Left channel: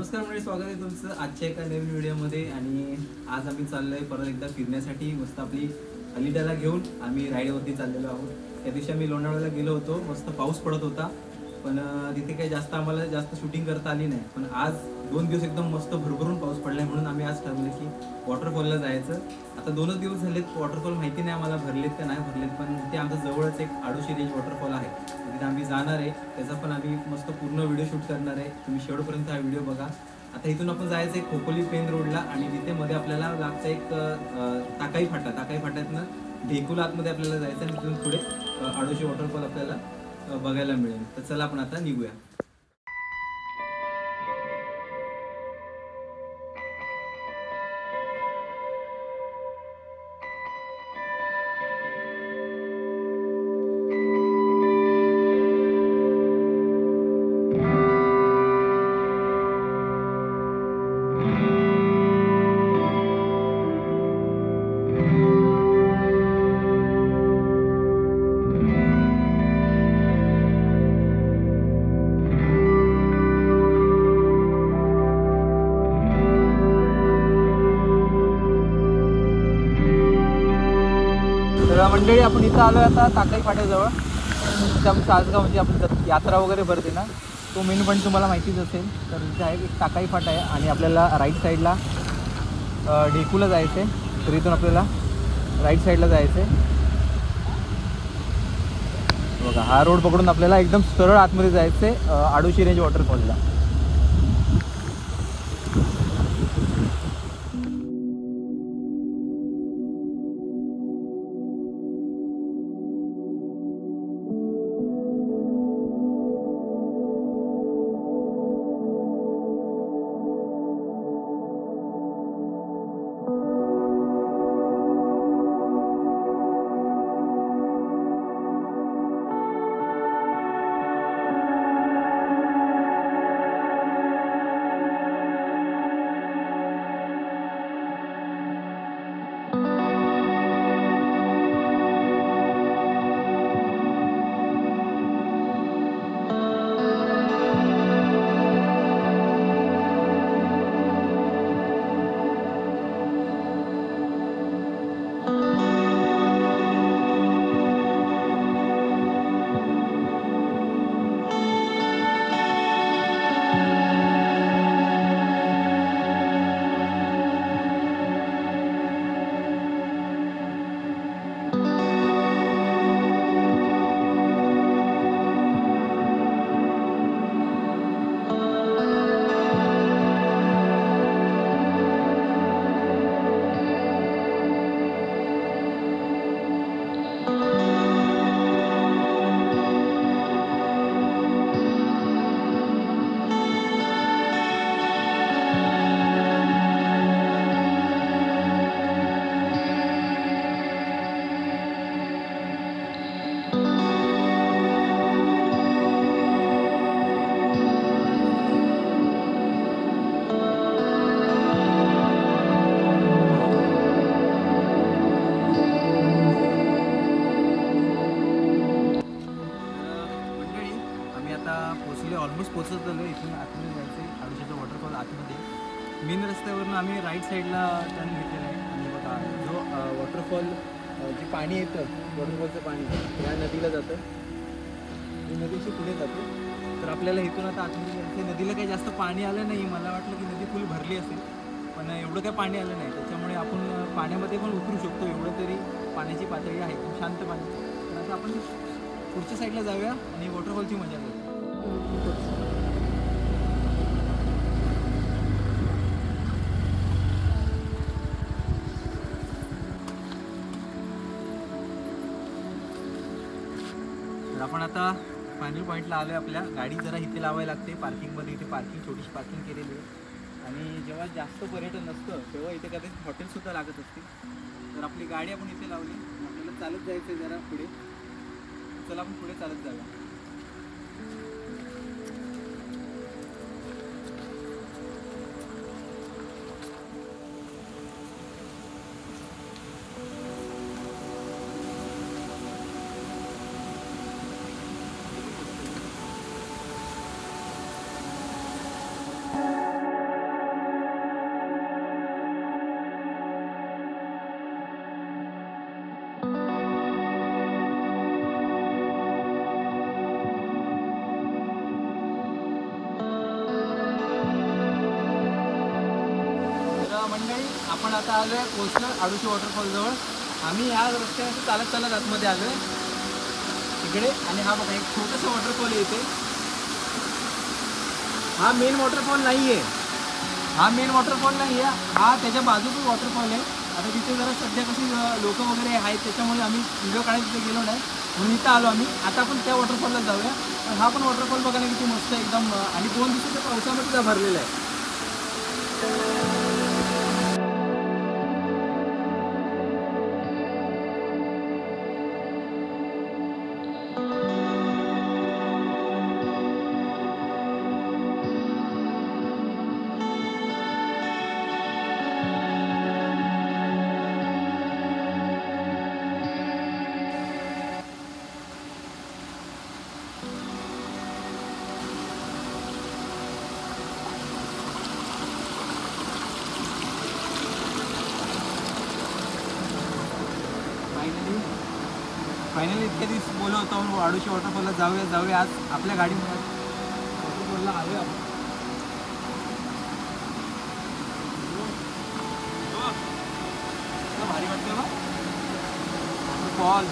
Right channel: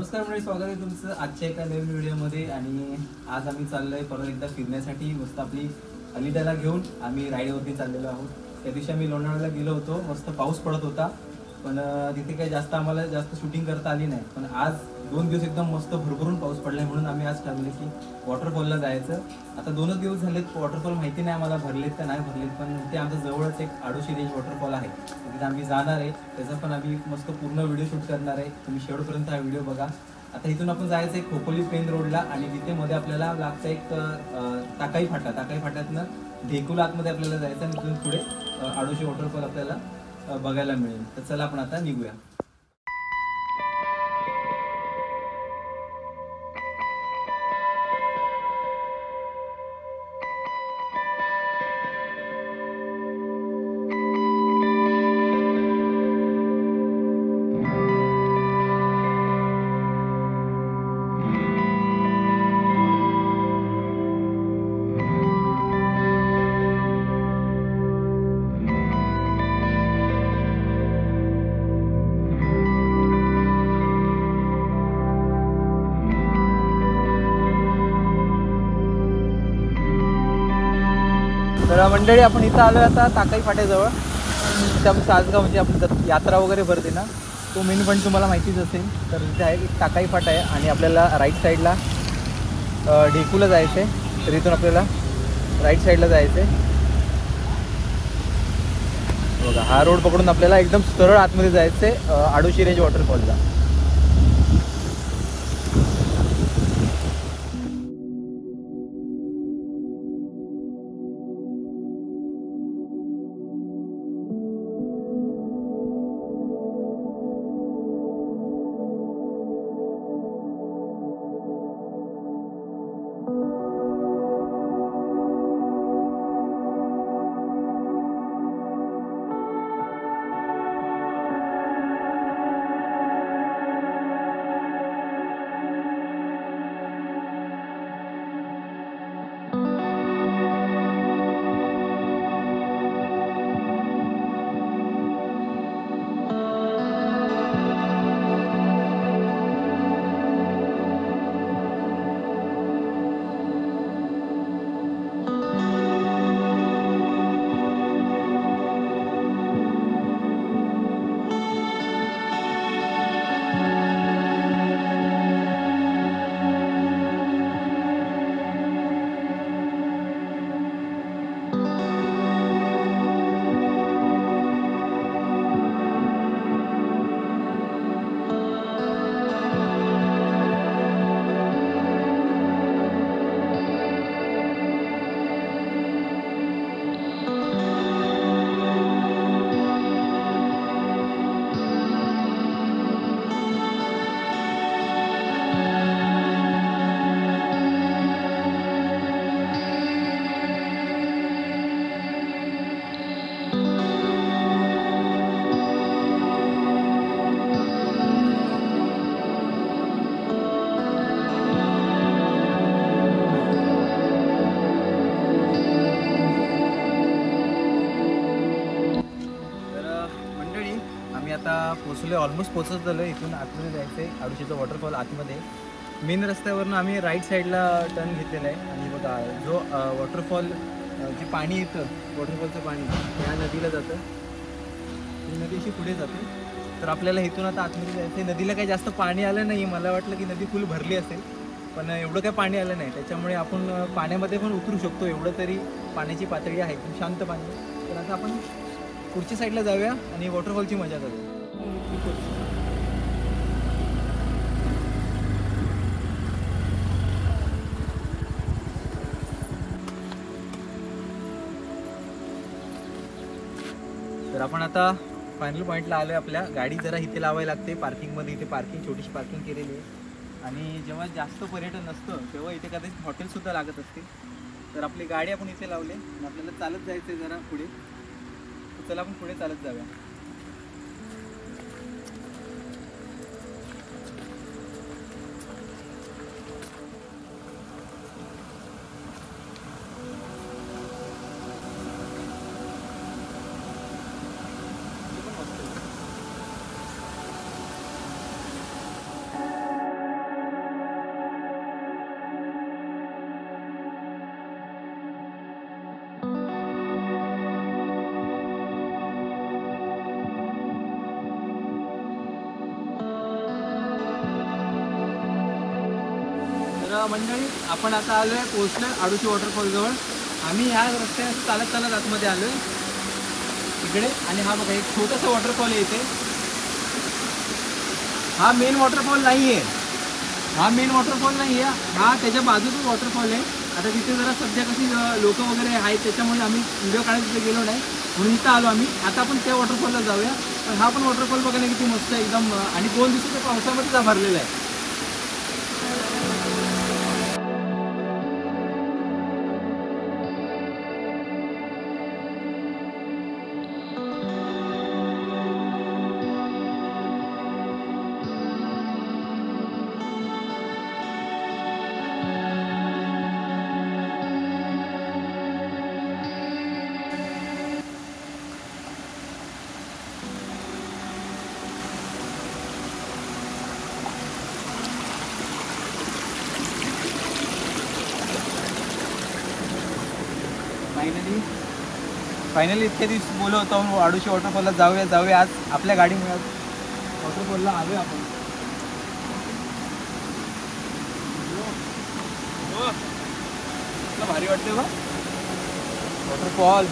नमस्कार मंडळी, स्वागत आहे तुमचं आजच्या एका नवीन व्हिडिओमध्ये. आणि आज आम्ही चाललोय परत एकदा फिरण्यासाठी. मस्त आपली अलिदाला घेऊन आम्ही राईडवरती चाललेलो आहोत. त्या दिवशी आम्ही लोणावळ्याला गेलो होतो, मस्त पाऊस पडत होता, पण तिथे काही आम्हाला जास्त शूटिंग करता आली नाही. पण आज 2 दिवस एकदम मस्त भरभरून पाऊस पडलाय, म्हणून आम्ही आज ठरवलं की वॉटरफॉलला जायचं. आता 2च दिवस झालेत, वॉटरफॉल माहिती नाही आम्हाला भरलेत का नाही भरलेत, पण ते आमच्या जवळच एक आडोशी रेंज वॉटरफॉल आहे, तिथे आम्ही जाणार आहे. त्याचा पण आम्ही मस्त पूर्ण व्हिडिओ शूट करणार आहे. तुम्ही शेवटपर्यंत हा व्हिडिओ बघा. आता इथून आपण जायचं आहे खोपोली पेन रोडला, आणि तिथे मध्ये आपल्याला लागतं एक टाकाई फाट्यातनं ढेकुला आतमध्ये आपल्याला जायचं, आणि तिथून पुढे आडोशी वॉटरफॉल आपल्याला बघायला मिळेल. तर चला आपण आता निघूया. तर मंडळी, आपण इथं आलो आता टाकाई फाट्याजवळ. सासगाव म्हणजे आपण यात्रा वगैरे भरते ना, तो मेन पॉईंट तुम्हाला माहितीच असेल. तर इथे आहे एक टाकाई फाटा आहे, आणि आपल्याला राईट साईडला ढेकूला जायचं आहे. तर इथून आपल्याला राईट साईडला जायचं आहे. बघा, हा रोड पकडून आपल्याला एकदम सरळ आतमध्ये जायचं आहे आडोशी रेंज वॉटरफॉलला. ऑलमोस्ट पोहोचत झालो. इथून आतमध्ये जायचं आहे आडोशीचं वॉटरफॉल आतमध्ये. मेन रस्त्यावरून आम्ही राईट साईडला टर्न घेतलेला आहे. आणि बघा, जो वॉटरफॉल जे पाणी येतं, वॉटरफॉलचं पाणी या नदीला जातं, आणि नदीशी पुढे जातं. तर आपल्याला इथून आता आतमध्ये जायचं. नदीला काही जास्त पाणी आलं नाही. मला वाटलं की नदी फुल भरली असेल, पण एवढं काही पाणी आलं नाही. त्याच्यामुळे आपण पाण्यामध्ये पण उतरू शकतो, एवढं तरी पाण्याची पातळी आहे, खूप शांत पाणी. तर आता आपण पुढच्या साईडला जाऊया आणि वॉटरफॉलची मजा करूया. तर आपण आता फायनल पॉईंटला आलोय. आपल्या गाडी जरा इथे लावायला लागते पार्किंगमध्ये. इथे पार्किंग, छोटीशी पार्किंग केलेली आहे. आणि जेव्हा जास्त पर्यटन नसतं तेव्हा इथे कदाचित हॉटेलसुद्धा लागत असते. तर आपली गाडी आपण इथे लावली आणि आपल्याला चालत जायचं आहे जरा पुढे. तर चला आपण पुढे चालत जाऊया. आपण आता आलोय पोहोचलो आडुशी वॉटरफॉल जवळ. आम्ही ह्या रस्त्याने चालत चालत आतमध्ये आलोय इकडे. आणि हा बघा एक छोटासा वॉटरफॉल येते. हा मेन वॉटरफॉल नाही आहे, हा मेन वॉटरफॉल नाही आहे, हा त्याच्या बाजूचा वॉटरफॉल आहे. आता तिथे जरा सध्या कशी लोक वगैरे आहेत त्याच्यामुळे आम्ही व्हिडिओ काढायला तिथे गेलो नाही, म्हणून इथं आलो आम्ही. आता आपण त्या वॉटरफॉलला जाऊया. पण हा पण वॉटरफॉल बघायला किती मस्त आहे एकदम. आणि 2 दिवसाच्या पावसामध्ये भरलेला आहे. फायनली इतके दिवस बोललो होतो आडुशी वॉटरफॉलला जाऊया. आज आपल्या गाडीमुळे वॉटरफॉलला आलोय आपण. भारी वाटते बा वॉटरफॉल.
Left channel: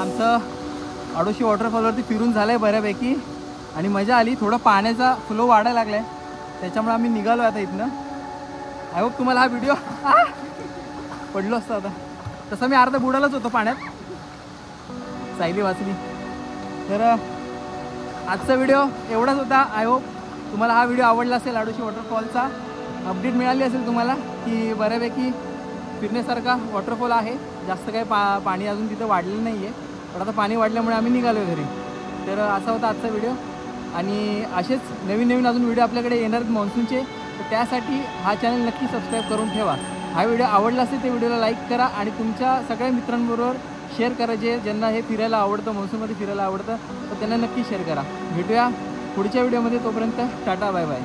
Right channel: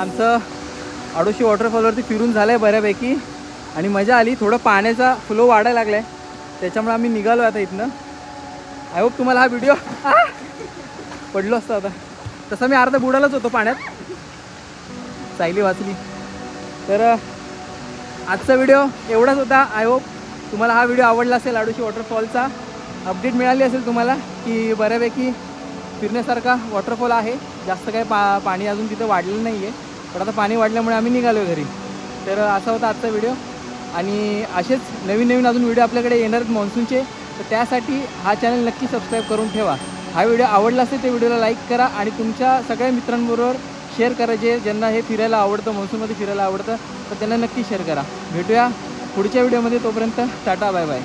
आमचं आडुशी वॉटरफॉलवरती फिरून झालं आहे बऱ्यापैकी आणि मजा आली. थोडं पाण्याचा फ्लो वाढायला लागला आहे त्याच्यामुळे आम्ही निघालो आता इथनं. आय होप तुम्हाला हा व्हिडिओ पडलो असतो. आता तसा मी अर्धा बुडालाच होतो पाण्यात, सायली वाचली. तर आजचा व्हिडिओ एवढाच होता. आय होप तुम्हाला हा व्हिडिओ आवडला असेल. आडुशी वॉटरफॉलचा अपडेट मिळाली असेल तुम्हाला की बऱ्यापैकी फिरण्यासारखा वॉटरफॉल आहे. जास्त काही पाणी अजून तिथं वाढलेलं नाही आहे, पण आता पाणी वाढल्यामुळे आम्ही निघालो घरी. तर असा होता आजचा व्हिडिओ. आणि असेच नवीन अजून व्हिडिओ आपल्याकडे येणार आहेत मान्सूनचे. तर त्यासाठी हा चॅनल नक्की सबस्क्राईब करून ठेवा. हा व्हिडिओ आवडला असेल तर व्हिडिओला लाईक करा आणि तुमच्या सगळ्या मित्रांबरोबर शेअर करा. ज्यांना हे फिरायला आवडतं, मान्सूनमध्ये फिरायला आवडतं, तर त्यांना नक्की शेअर करा. भेटूया पुढच्या व्हिडिओमध्ये. तोपर्यंत टाटा बाय बाय.